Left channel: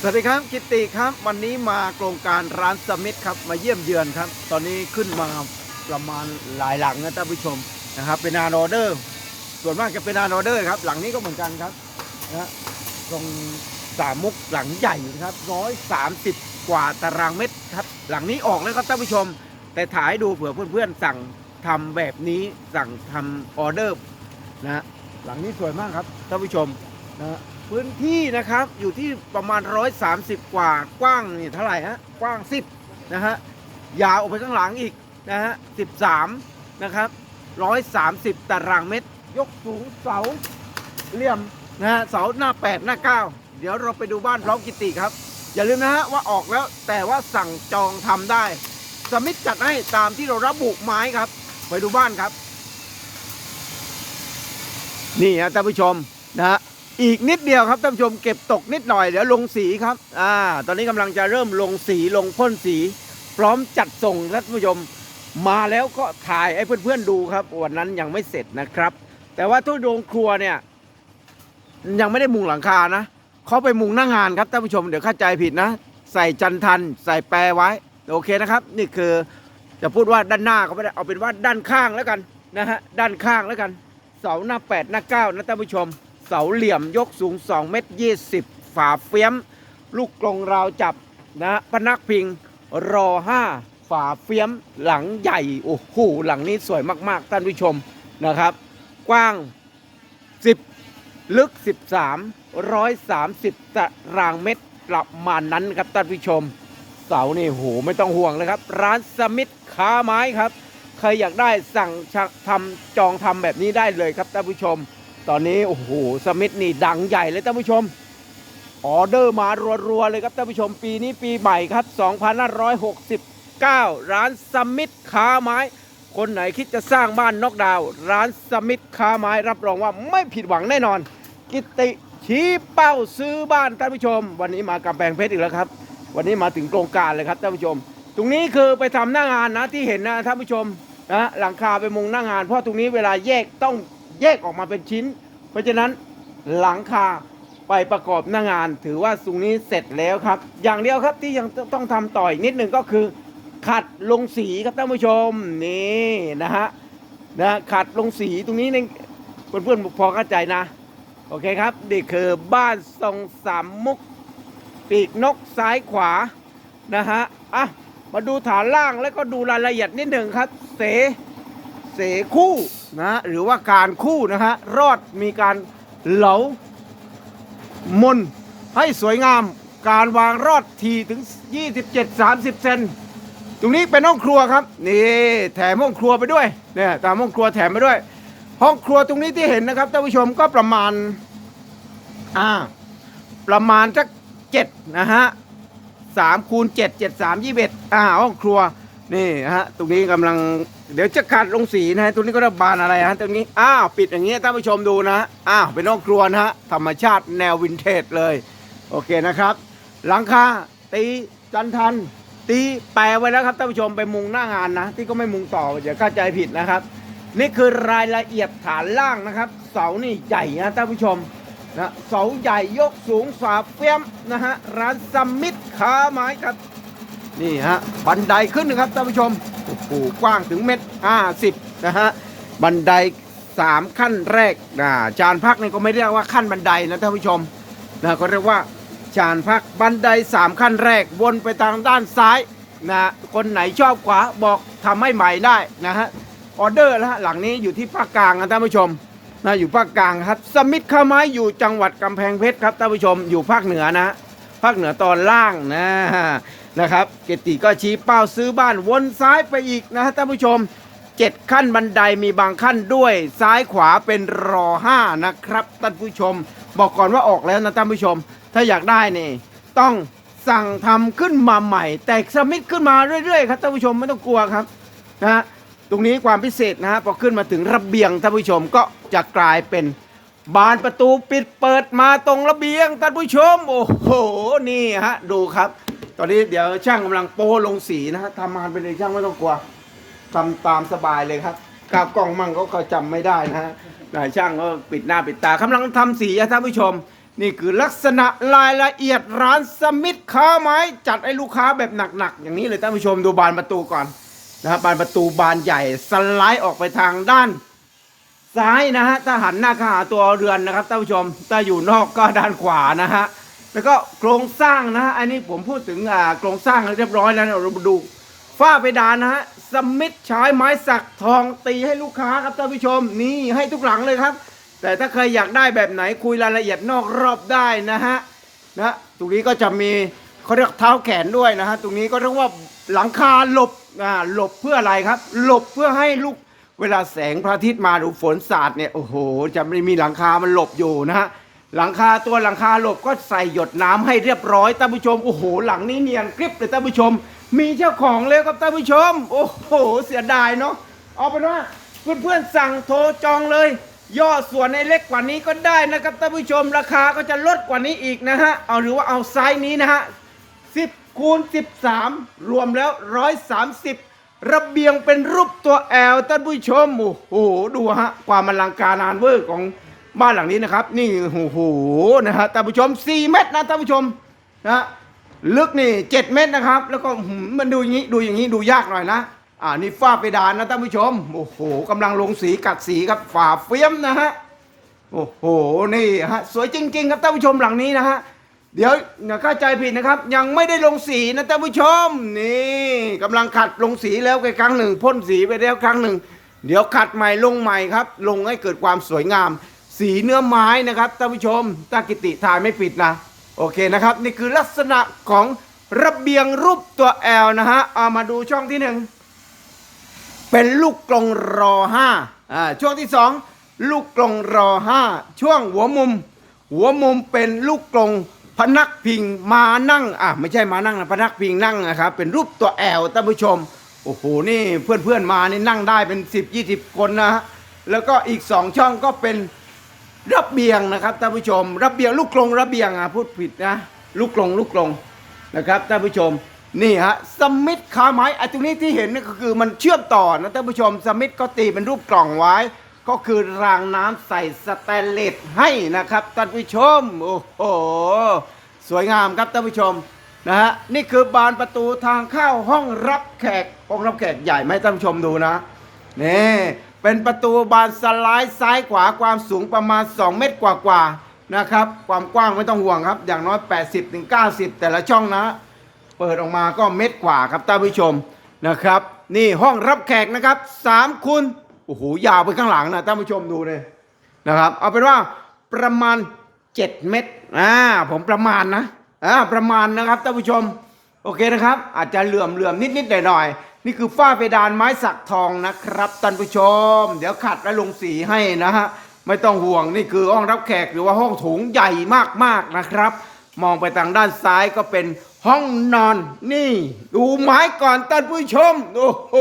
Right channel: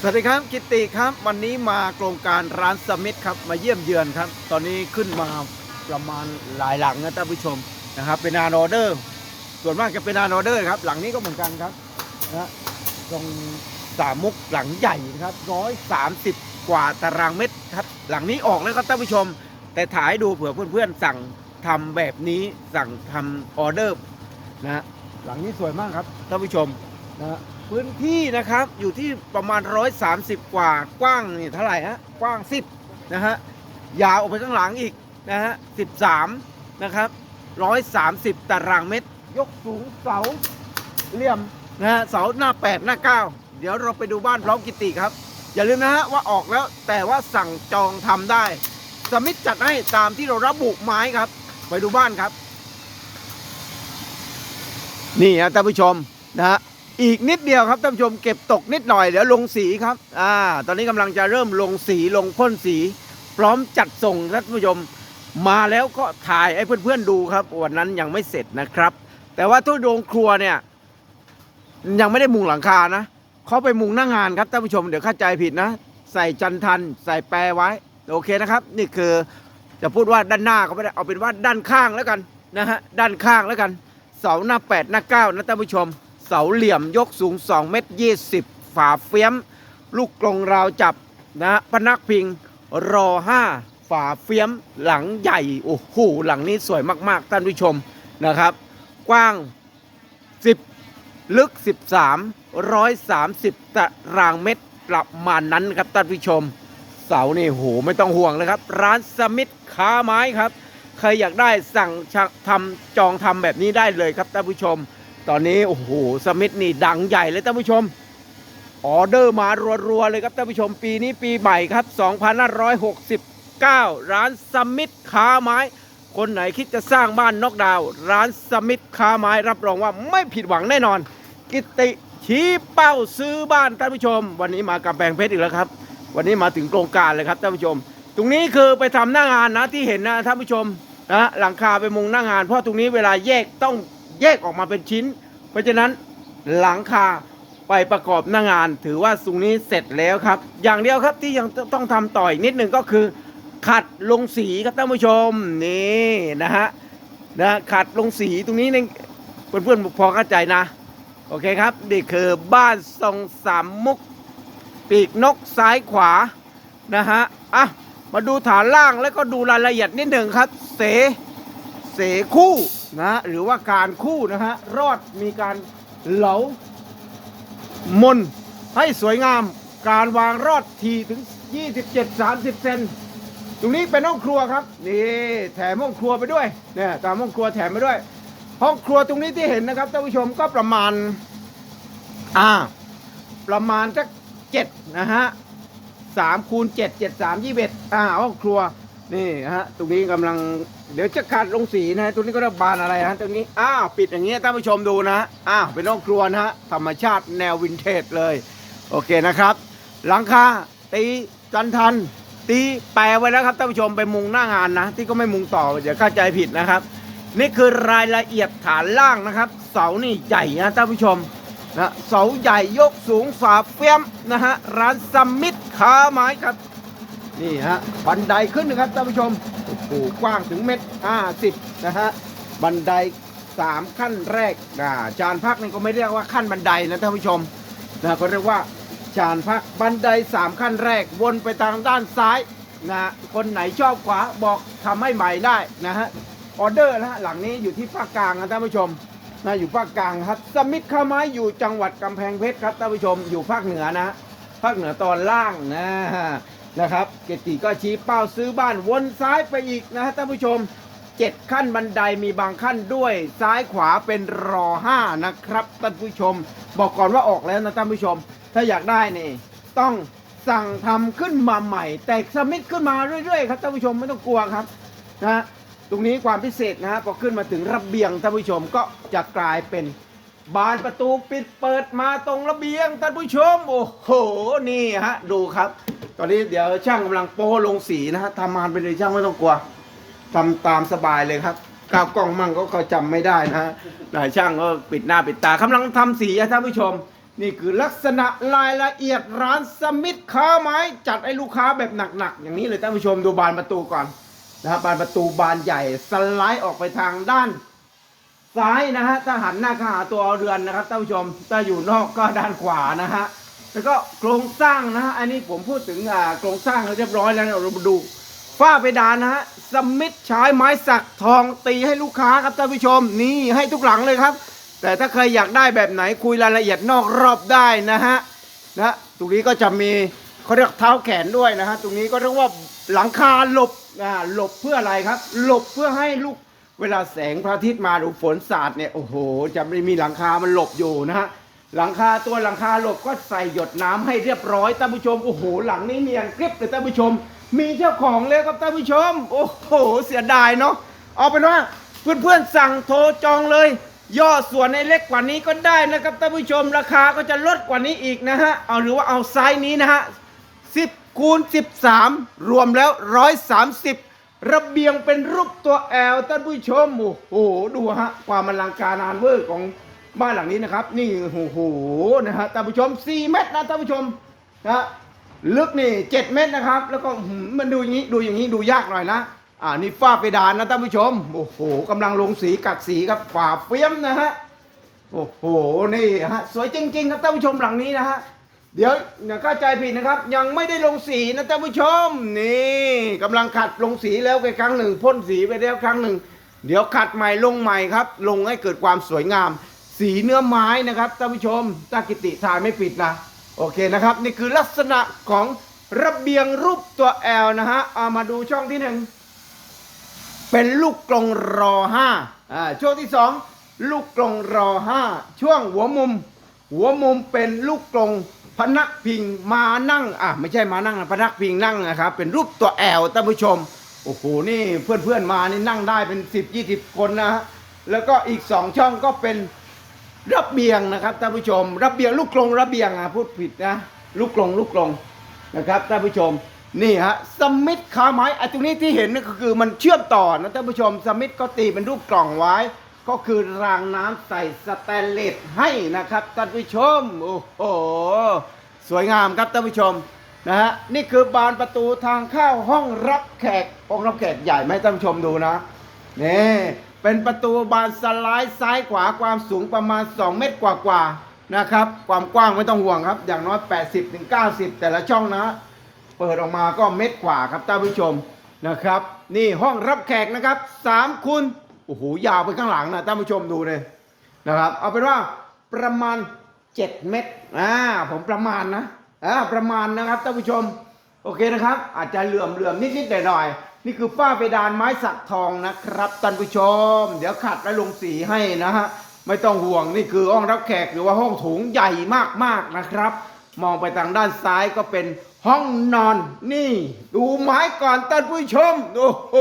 สวัสดีครับกิตติครับ วันนี้มาโครงการร้านสมิธครับมาเยี่ยมเยือนครับ ตอนนี้ขึ้นมาประมาณหลายหลังนะท่านผู้ชมนะครับ เป็นงานออเดอร์ ส่วนมากจะเป็นงานออเดอร์ครับหลังนี้ก็เหมือนกันครับนะฮะตรงสามมุกหลังใหญ่นะครับร้อยสามสิบกว่าตารางเมตรครับ หลังนี้ออกแล้วครับท่านผู้ชม แต่ถ่ายดูเผื่อเพื่อนๆสั่งทำแบบนี้สั่งทำออเดอร์นะหลังนี้สวยมากครับท่านผู้ชมนะ พื้นที่นะครับอยู่ที่ประมาณ 130 กว่ากว้างนี่เท่าไหร่ฮะกว้าง 10นะฮะยาวออกไปข้างหลังอีกนะฮะ13นะครับ130 ตารางเมตร ยกสูงเสาเหลี่ยมนะฮะเสาหน้า 8 หน้า 9 เดี๋ยวเราไปดูบ้านพร้อมกิติครับ อย่าลืมนะฮะว่าออกแล้วแต่ว่าสั่งจองทำได้ สมิธจัดให้ตามที่เราระบุไม้ครับ ไปดูบ้านครับ นี่ฮะท่านผู้ชมนะฮะ อีกนิดเดียวครับท่านผู้ชมเก็บตกนิดหน่อยเดี๋ยวลงสีครับอ่าตอนนี้กำลังจะเริ่มลงสีลงพ่นสี พร้อมจัดส่งท่านผู้ชมมาแล้วก็ถ่ายให้เพื่อนๆดูครับวันนั้นยังไม่เสร็จนะครับ แต่ว่าตู้โรงครัวเนี่ย ยังไม่ได้มุงหลังคานะเขาไปมุงหน้างานครับท่านผู้ชมเดี๋ยวเข้าใจผิดนะ ใส่จันทัน ใส่แปรไว้โอเคนะครับ นี่คือจะพูดว่าด้านหน้าก็ไม่ได้เอาเป็นว่าด้านข้างแล้วกันนะฮะด้านข้างแล้วกันเสาหน้า8หน้า9นะท่านผู้ชม เสาเหลี่ยมยกสูง 2 เมตร 20 ฝาเฟี้ยม ลูกกรงราวจับนะพนักพิงรอ 5 ฝาเฟี้ยมหลังใหญ่ โอ้โห หลังนี้สวยมากๆ ท่านผู้ชมนะครับ กว้าง 10 ลึก 13 130ตารางเมตรประมาณนั้นครับท่านผู้ชม เสานี่โหไม่ต้องห่วงเลยครับ ร้านสมิธค้าไม้ครับ ใครอยากได้สั่งทำจองทำแบบนี้ได้เลยครับท่านผู้ชม ตอนนี้โอ้โหสมิธนี่ดังใหญ่เลยท่านผู้ชม ออเดอร์มารัวๆเลยครับท่านผู้ชมปีนี้ปีใหม่ครับ 2569 ร้านสมิธค้าไม้ คนไหนคิดจะสร้างบ้านนอกดาว ร้านสมิธค้าไม้รับรองว่าไม่ผิดหวังแน่นอน กิติชี้เป้าซื้อบ้านท่านผู้ชม วันนี้มากำแพงเพชรอีกแล้วครับ วันนี้มาถึงโครงการเลยครับท่านผู้ชม ตรงนี้คือไปทำหน้างานนะที่เห็นนะท่านผู้ชมนะหลังคาไปมุงหน้างาน เพราะตรงนี้เวลาแยกต้อง แยกออกมาเป็นชิ้น เพราะฉะนั้นหลังคาไปประกอบหน้างาน ถือว่าตรงนี้เสร็จแล้วครับ อย่างเดียวครับที่ยังต้องทำต่ออีกนิดหนึ่งก็คือ ขัดลงสีครับท่านผู้ชมนี่นะฮะนะขัดลงสีตรงนี้เนี่ยเพื่อนๆพอเข้าใจนะ โอเคครับนี่คือบ้านทรงสามมุกปีกนกซ้ายขวานะฮะอะมาดูฐานล่างแล้วก็ดูรายละเอียดนิดหนึ่งครับ เส เสคู่ นะหรือว่าการคู่นะฮะรอดมีการเหลามนให้สวยงามการวางรอดทีถึง 27-30 เซนตรงนี้เป็นห้องครัวครับนี่แถมห้องครัวไปด้วยเนี่ยตามห้องครัวแถมไปด้วย ห้องครัวตรงนี้ที่เห็นนะครับท่านผู้ชมก็ประมาณอ่าประมาณสักเจ็ดนะฮะสามคูณเจ็ดเจ็ดสามยี่สิบเอ็ดอ่าห้องครัว นี่นะฮะตรงนี้กำลังเดี๋ยวจะขัดลงสีนะฮะตรงนี้ก็ระบานอะไรฮะตรงนี้อ้าวปิดอย่างเงี้ยท่านผู้ชมดูนะอ้าวเป็นห้องครัวนะฮะธรรมชาติแนววินเทจเลย โอเคนะครับ หลังคาตีจันทัน ตีแปรไว้แล้วครับท่านผู้ชมไปมุงหน้างานนะ ที่ก็ไม่มุงต่ออย่าเข้าใจผิดนะครับ นี่คือรายละเอียดฐานล่างนะครับ เสานี่ใหญ่นะท่านผู้ชมนะเสาใหญ่ยกสูงฝาเฟี้ยมนะฮะร้านสมิธค้าไม้ครับ นี่ฮะบันไดขึ้นนะครับท่านผู้ชมโอ้โหกว้างถึงเมตรห้าสิบนะฮะบันไดสามขั้นแรกนะจานพักนี่ก็ไม่เรียกว่าขั้นบันไดนะท่านผู้ชมนะก็เรียกว่าจานพักบันไดสามขั้นแรกวนไปทางด้านซ้ายนะคนไหนชอบขวาบอกทำให้ใหม่ได้นะฮะออเดอร์นะฮะหลังนี้อยู่ที่ภาคกลางนะท่านผู้ชมนะอยู่ภาคกลางครับสมิธข้าวไม้อยู่จังหวัดกำแพงเพชรครับท่านผู้ชมอยู่ภาคเหนือนะภาคเหนือตอนล่างนะ นะครับ เกติก็ชี้เป้าซื้อบ้านวนซ้ายไปอีกนะท่านผู้ชมเจ็ดขั้นบันไดมีบางขั้นด้วยซ้ายขวาเป็นรอห้านะครับท่านผู้ชม บอกก่อนว่าออกแล้วนะท่านผู้ชม ถ้าอยากได้นี่ต้องสั่งทำขึ้นมาใหม่ แตกสมิธขึ้นมาเรื่อยๆครับท่านผู้ชมไม่ต้องกลัวครับนะตรงนี้ความพิเศษนะฮะพอขึ้นมาถึงระเบียงท่านผู้ชมก็จะกลายเป็นบานประตูปิดเปิดมาตรงระเบียงท่านผู้ชม โอ้โห นี่ฮะ ดูครับ ตอนนี้เดี๋ยวช่างกำลังโป้ลงสีนะฮะทำงานไปเลยช่างไม่ต้องกลัวทำตามสบายเลยครับกาวกล้องมั่งก็เขาจำไม่ได้นะฮะนายช่างก็ปิดหน้าปิดตากำลังทำสีอะท่านผู้ชม นี่คือลักษณะรายละเอียดร้านสมิธค้าไม้จัดให้ลูกค้าแบบหนักๆ อย่างนี้เลยท่านผู้ชมดูบานประตูก่อนนะครับบานประตูบานใหญ่สไลด์ออกไปทางด้านซ้ายนะฮะถ้าหันหน้าเข้าหาตัวเรือนนะครับท่านผู้ชมถ้าอยู่นอกก็ด้านขวานะฮะ แล้วก็โครงสร้างนะฮะอันนี้ผมพูดถึงอ่าโครงสร้างแล้วเรียบร้อยแล้วนะเรามาดูฝ้าเพดานนะฮะสมิธใช้ไม้สักทองตีให้ลูกค้าครับท่านผู้ชมนี่ให้ทุกหลังเลยครับ แต่ถ้าใครอยากได้แบบไหนคุยรายละเอียดนอกรอบได้นะฮะนะตรงนี้ก็จะมีเขาเรียกเท้าแขนด้วยนะฮะตรงนี้ก็เรียกว่าหลังคาหลบอ่าหลบเพื่ออะไรครับ หลบเพื่อให้ลูกเวลาแสงพระอาทิตย์มาหรือฝนสาดเนี่ยโอ้โห จะไม่มีหลังคามันหลบอยู่นะฮะ หลังคาตัวหลังคาหลบก็ใส่หยดน้ำให้เรียบร้อยท่านผู้ชมโอ้โหหลังนี้เนียนกริบเลยท่านผู้ชม มีเจ้าของเลยครับท่านผู้ชม โอ้โหเสียดายเนาะเอาเป็นว่าเพื่อนๆสั่งโทรจองเลย ย่อส่วนในเล็กกว่านี้ก็ได้นะครับท่านผู้ชมราคาก็จะลดกว่านี้อีกนะฮะเอาหรือว่าเอาไซส์นี้นะฮะ10คูณ13 รวมแล้ว 130 ระเบียงเป็นรูปตัวแอลท่านผู้ชมโอ้โหดูฮะความอลังการานเวอร์ของ บ้านหลังนี้นะครับ นี่โอ้โหนะฮะท่านผู้ชม 4 เมตรนะท่านผู้ชมนะลึกนี่เจ็ดเมตรนะครับ แล้วก็มันดูอย่างนี้ดูอย่างนี้ดูยากหน่อยนะอ่านี่ฝ้าเพดานนะท่านผู้ชมโอ้โหกำลังลงสีกัดสีครับฝาเฟี้ยมนะฮะโอ้โหนี่ฮะสวยจริง ๆ ครับท่านผู้ชมหลังนี้นะฮะเดี๋ยวอย่าเข้าใจผิดนะครับ ยังไม่ได้ลงสีนะท่านผู้ชมนี่กำลังขัดลงสีแล้วครั้งหนึ่งพ่นสีไปแล้วครั้งหนึ่ง เดี๋ยวขัดใหม่ลงใหม่ครับ ลงให้เกิดความสวยงาม สีเนื้อไม้นะครับท่านผู้ชมถ้ากิติทายไม่ผิดนะ โอเคนะครับ นี่คือลักษณะของระเบียงรูปตัวแอลนะฮะเอามาดูช่องที่หนึ่งเป็นลูกกลงรอห้าอ่าช่วงที่สองลูกกลงรอห้าช่วงหัวมุม หัวมุมเป็นลูกกลงพนักพิงมานั่งอะไม่ใช่มานั่งนะพนักพิงนั่งนะครับ เป็นรูปตัวแอลท่านผู้ชมโอ้โหนี่เพื่อนๆมานี่นั่งได้เป็น 10 20 คนนะฮะแล้วก็อีกสองช่องก็เป็น ระเบียงนะครับท่านผู้ชม ระเบียงลูกกรงระเบียงอะพูดผิดนะลูกกรงลูกกรงนะครับท่านผู้ชมนี่ฮะสมิธคาไม้ไอ้ตรงนี้ที่เห็นนี่ก็คือมันเชื่อมต่อนะท่านผู้ชมสมิธก็ตีเป็นรูปกล่องไว้ ก็คือรางน้ำใส่สแตนเลสให้นะครับท่านผู้ชมโอ้โหสวยงามครับท่านผู้ชมนะฮะนี่คือบานประตูทางเข้าห้องรับแขกห้องรับแขกใหญ่ไหมท่านผู้ชมดูนะนี่ เป็นประตูบานสไลด์ซ้ายขวาความสูงประมาณ 2 เมตรกว่าๆนะครับ ความกว้างไม่ต้องห่วงครับ อย่างน้อย 80-90ถึง90 แต่ละช่องนะ เปิดออกมาก็เม็ดกว่าครับท่านผู้ชมนะครับ นี่ห้องรับแขกนะครับ3คูณโอ้โหยาวไปข้างหลังนะท่านผู้ชมดูเลยนะครับ เอาเป็นว่าประมาณ 7 เมตรอ่าผมประมาณนะอ่าประมาณนะครับท่านผู้ชม โอเคนะครับ อาจจะเหลื่อมเหลื่อมนิดนิดหน่อยหน่อยๆนี่คือฝ้าเพดานไม้สักทองนะครับท่านผู้ชม เดี๋ยวขัดและลงสีให้นะฮะไม่ต้องห่วงนี่คือห้องรับแขกหรือว่าห้องโถงใหญ่มากๆนะครับ มองไปทางด้านซ้ายก็เป็นห้องนอนนี่ ดูไม้ก่อนท่านผู้ชมโอ้โห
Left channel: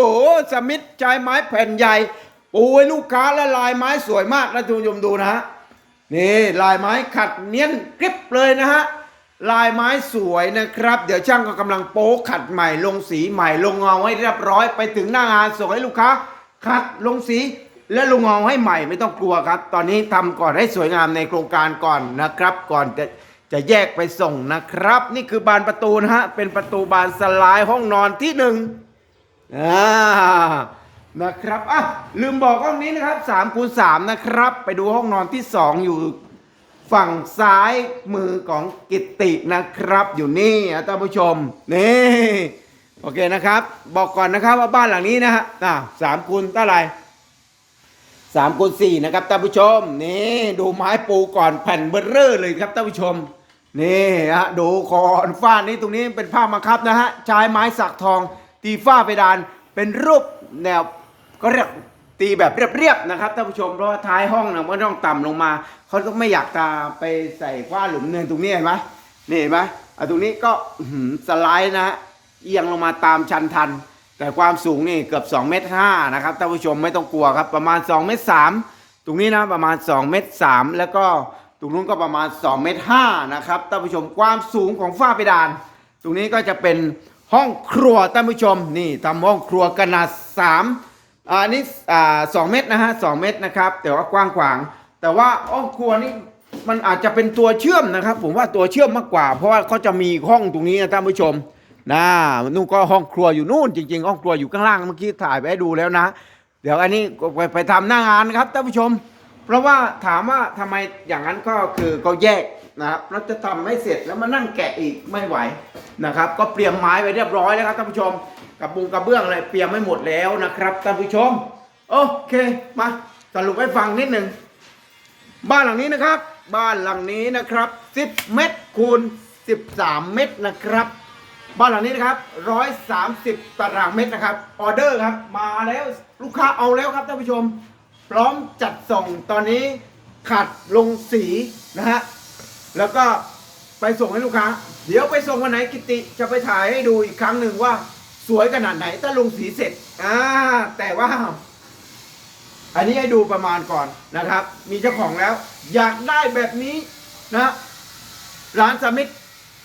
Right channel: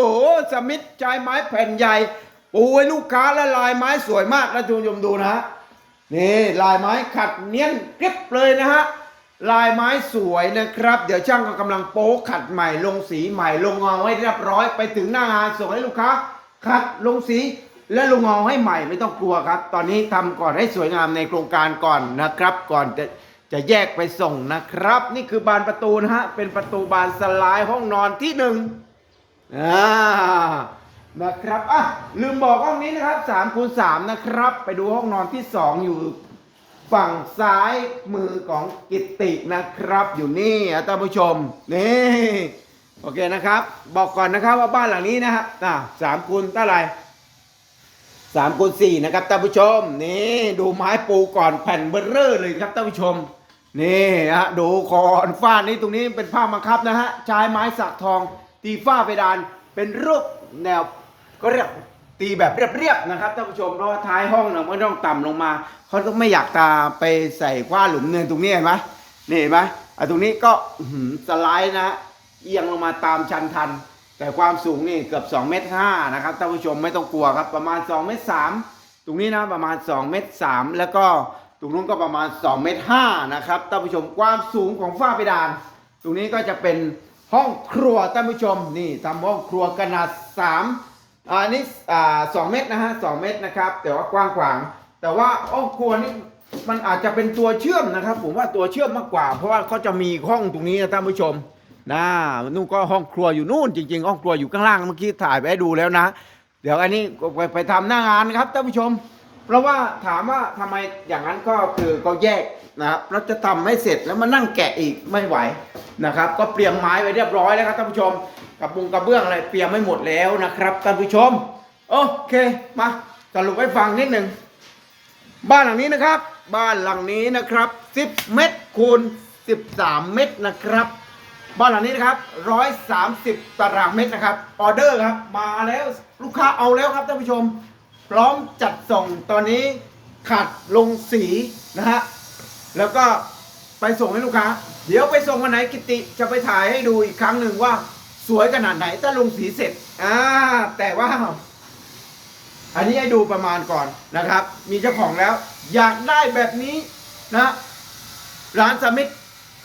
สมิธใช้ไม้แผ่นใหญ่ปูให้ลูกค้าและลายไม้สวยมากนะท่านผู้ชมดูนะฮะนี่ลายไม้ขัดเนียนกริบเลยนะฮะ ลายไม้สวยนะครับ เดี๋ยวช่างก็กำลังโป๊ขัดใหม่ลงสีใหม่ลงเงาให้เรียบร้อยไปถึงหน้างานส่งให้ลูกค้าขัดลงสีและลงเงาให้ใหม่ไม่ต้องกลัวครับ ตอนนี้ทำก่อนให้สวยงามในโครงการก่อนนะครับ ก่อนจะจะแยกไปส่งนะครับ นี่คือบานประตูนะฮะเป็นประตูบานสลายห้องนอนที่หนึ่งนะครับอะลืมบอกห้องนี้นะครับ3คูณ3นะครับ ไปดูห้องนอนที่ 2 อยู่ ฝั่งซ้ายมือของกิตตินะครับ อยู่นี่ท่านผู้ชม นี่ โอเคนะครับ บอกก่อนนะครับว่าบ้านหลังนี้นะฮะอะสามคูณเท่าไหร่สามคูณสี่นะครับท่านผู้ชม นี่ดูไม้ปูก่อนแผ่นเบอร์เรอร์เลยครับท่านผู้ชม นี่ฮะดูคอนฝ้านี้ตรงนี้เป็นผ้าบังคับนะฮะใช้ไม้สักทองตีฝ้าเพดานเป็นรูปแนวก็เรียกตีแบบเรียบๆนะครับท่านผู้ชมเพราะว่าท้ายห้องนะมันต้องต่ำลงมา เขาก็ไม่อยากตาไปใส่ฝ้าหลุมเนินตรงนี้เห็นไหมนี่เห็นไหมอะตรงนี้ก็สไลด์นะฮะเอียงลงมาตามชันทัน แต่ความสูงนี่เกือบ2เมตร5นะครับท่านผู้ชมไม่ต้องกลัวครับประมาณ2เมตร3ตรงนี้นะประมาณ2เมตร3แล้วก็ตรงนู้นก็ประมาณ2เมตร5นะครับท่านผู้ชมความสูงของฝ้าเพดาน ตรงนี้ก็จะเป็นห้องครัวท่านผู้ชมนี่ทำห้องครัวขนาด3อ่านี่อ่าสองเมตรนะฮะสองเมตรนะครับแต่ว่ากว้างขวาง แต่ว่าห้องครัวนี่มันอาจจะเป็นตัวเชื่อมนะครับ ผมว่าตัวเชื่อมมากกว่า เพราะว่าเขาจะมีห้องตรงนี้นะท่านผู้ชมนะนู่นก็ห้องครัวอยู่นู่นจริงๆห้องครัวอยู่ข้างล่างเมื่อกี้ถ่ายไปให้ดูแล้วนะ เดี๋ยวอันนี้ไปไปทำหน้างานครับท่านผู้ชม เพราะว่าถามว่าทำไมอย่างนั้นก็คือก็แยกนะครับแล้วจะทำให้เสร็จแล้วมานั่งแกะอีกไม่ไหวนะครับ ก็เตรียมไม้ไว้เรียบร้อยแล้วครับท่านผู้ชมกับบุงกระเบื้องอะไรเตรียมไม่หมดแล้วนะครับท่านผู้ชม โอเคมาสรุปให้ฟังนิดหนึ่ง บ้านหลังนี้นะครับ บ้านหลังนี้นะครับ 10 เมตรคูณ 13 เมตรนะครับ บ้านหลังนี้นะครับ 130 ตารางเมตรนะครับ ออเดอร์ครับ มาแล้วลูกค้าเอาแล้วครับท่านผู้ชม พร้อมจัดส่งตอนนี้ขัดลงสีนะฮะ แล้วก็ไปส่งให้ลูกค้า เดี๋ยวไปส่งวันไหนกิติจะไปถ่ายให้ดูอีกครั้งหนึ่งว่าสวยขนาดไหนถ้าลงสีเสร็จ อ่า แต่ว่า อันนี้ให้ดูประมาณก่อนนะครับ มีเจ้าของแล้ว อยากได้แบบนี้นะร้านสมิธ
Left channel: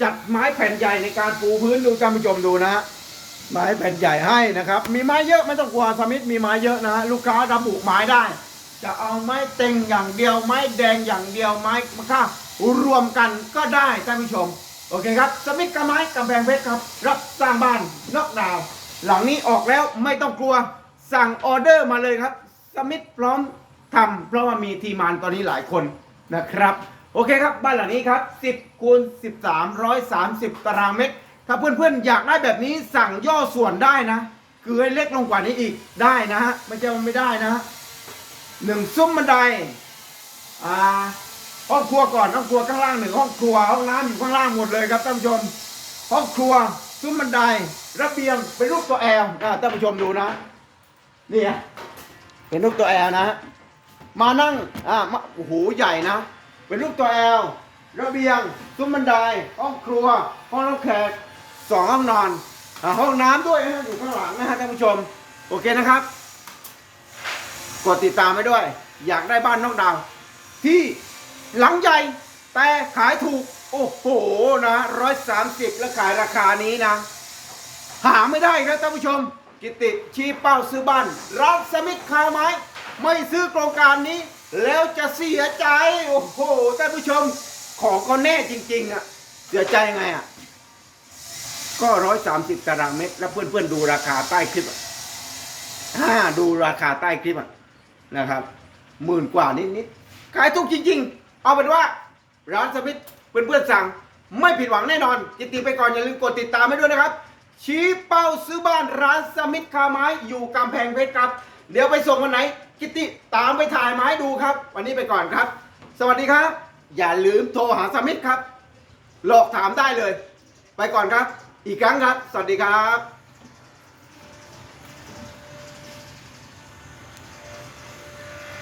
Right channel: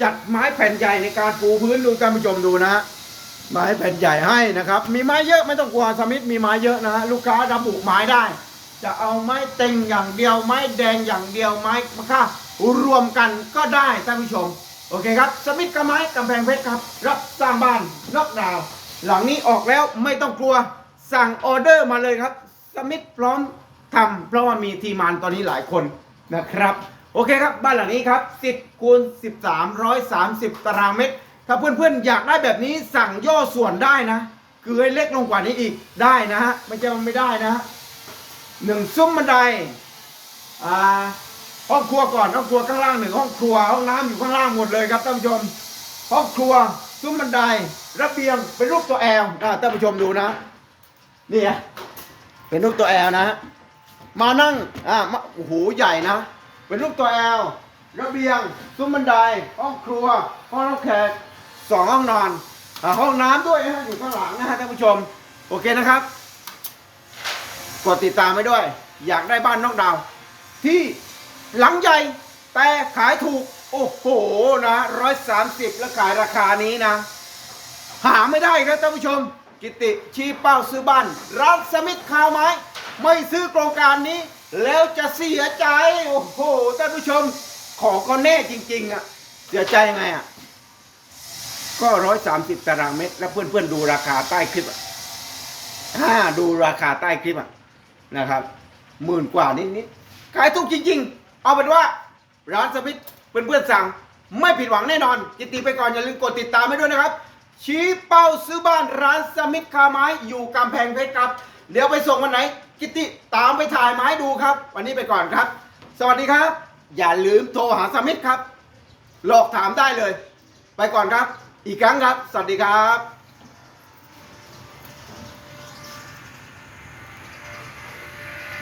จัดไม้แผ่นใหญ่ในการปูพื้นดูท่านผู้ชมดูนะฮะไม้แผ่นใหญ่ให้นะครับ มีไม้เยอะไม่ต้องกลัวสมิธมีไม้เยอะนะฮะลูกค้าระบุไม้ได้ จะเอาไม้เต็งอย่างเดียวไม้แดงอย่างเดียวไม้มะค่ารวมกันก็ได้ท่านผู้ชม โอเคครับ สมิธกับไม้กำแพงเพชรครับ รับสร้างบ้านนอกดาว หลังนี้ออกแล้วไม่ต้องกลัวสั่งออเดอร์มาเลยครับ สมิธพร้อมทำเพราะว่ามีทีมานตอนนี้หลายคนนะครับ โอเคครับ บ้านหลังนี้ครับ 10คูณ13 130 ตารางเมตร ถ้าเพื่อนๆอยากได้แบบนี้สั่งย่อส่วนได้นะ คือให้เล็กลงกว่านี้อีกได้นะฮะไม่ใช่ว่าไม่ได้นะฮะหนึ่งซุ้มบันไดอ่าห้องครัวก่อนห้องครัวข้างล่างหนึ่งห้องครัวห้องน้ำอยู่ข้างล่างหมดเลยครับท่านผู้ชม ห้องครัวซุ้มบันไดระเบียงเป็นรูปตัวแอลนะท่านผู้ชมดูนะนี่ไง เป็นรูปตัวแอลนะฮะมานั่งอ่าโอ้โหใหญ่นะ เป็นรูปตัวแอลระเบียงซุ้มบันไดห้องครัว ห้องรับแขกสองห้องนอนอ่าห้องน้ำด้วยนะฮะอยู่ข้างหลังนะฮะท่านผู้ชม โอเคนะครับ กดติดตามไว้ด้วย อยากได้บ้านนอกดาว ที่หลังใหญ่แต่ขายถูก โอ้โหนะร้อยสามสิบแล้วขายราคานี้นะ หาไม่ได้ครับท่านผู้ชม กิติชี้เป้าซื้อบ้านร้านสมิธคาวไม้ ไม่ซื้อโครงการนี้ แล้วจะเสียใจ โอ้โหท่านผู้ชมของก็แน่จริง ๆ อะ เสียใจยังไงอะ ก็ร้อยสามสิบตารางเมตร แล้วเพื่อนๆดูราคาใต้คลิปอะถ้าดูราคาใต้คลิปอะนะครับหมื่นกว่านิดๆขายถูกจริง ๆ เอาเป็นว่าร้านสมิธเพื่อนๆสั่งไม่ผิดหวังแน่นอนกิติไปก่อนอย่าลืมกดติดตามให้ด้วยนะครับ ชี้เป้าซื้อบ้านร้านสมิธคาไม้อยู่กำแพงเพชรครับ เดี๋ยวไปส่งวันไหน กิติตามไปถ่ายไม้ดูครับ วันนี้ไปก่อนครับ สวัสดีครับ อย่าลืมโทรหาสมิธครับ หลอกถามได้เลย ไปก่อนครับ อีกครั้งครับ สวัสดีครับ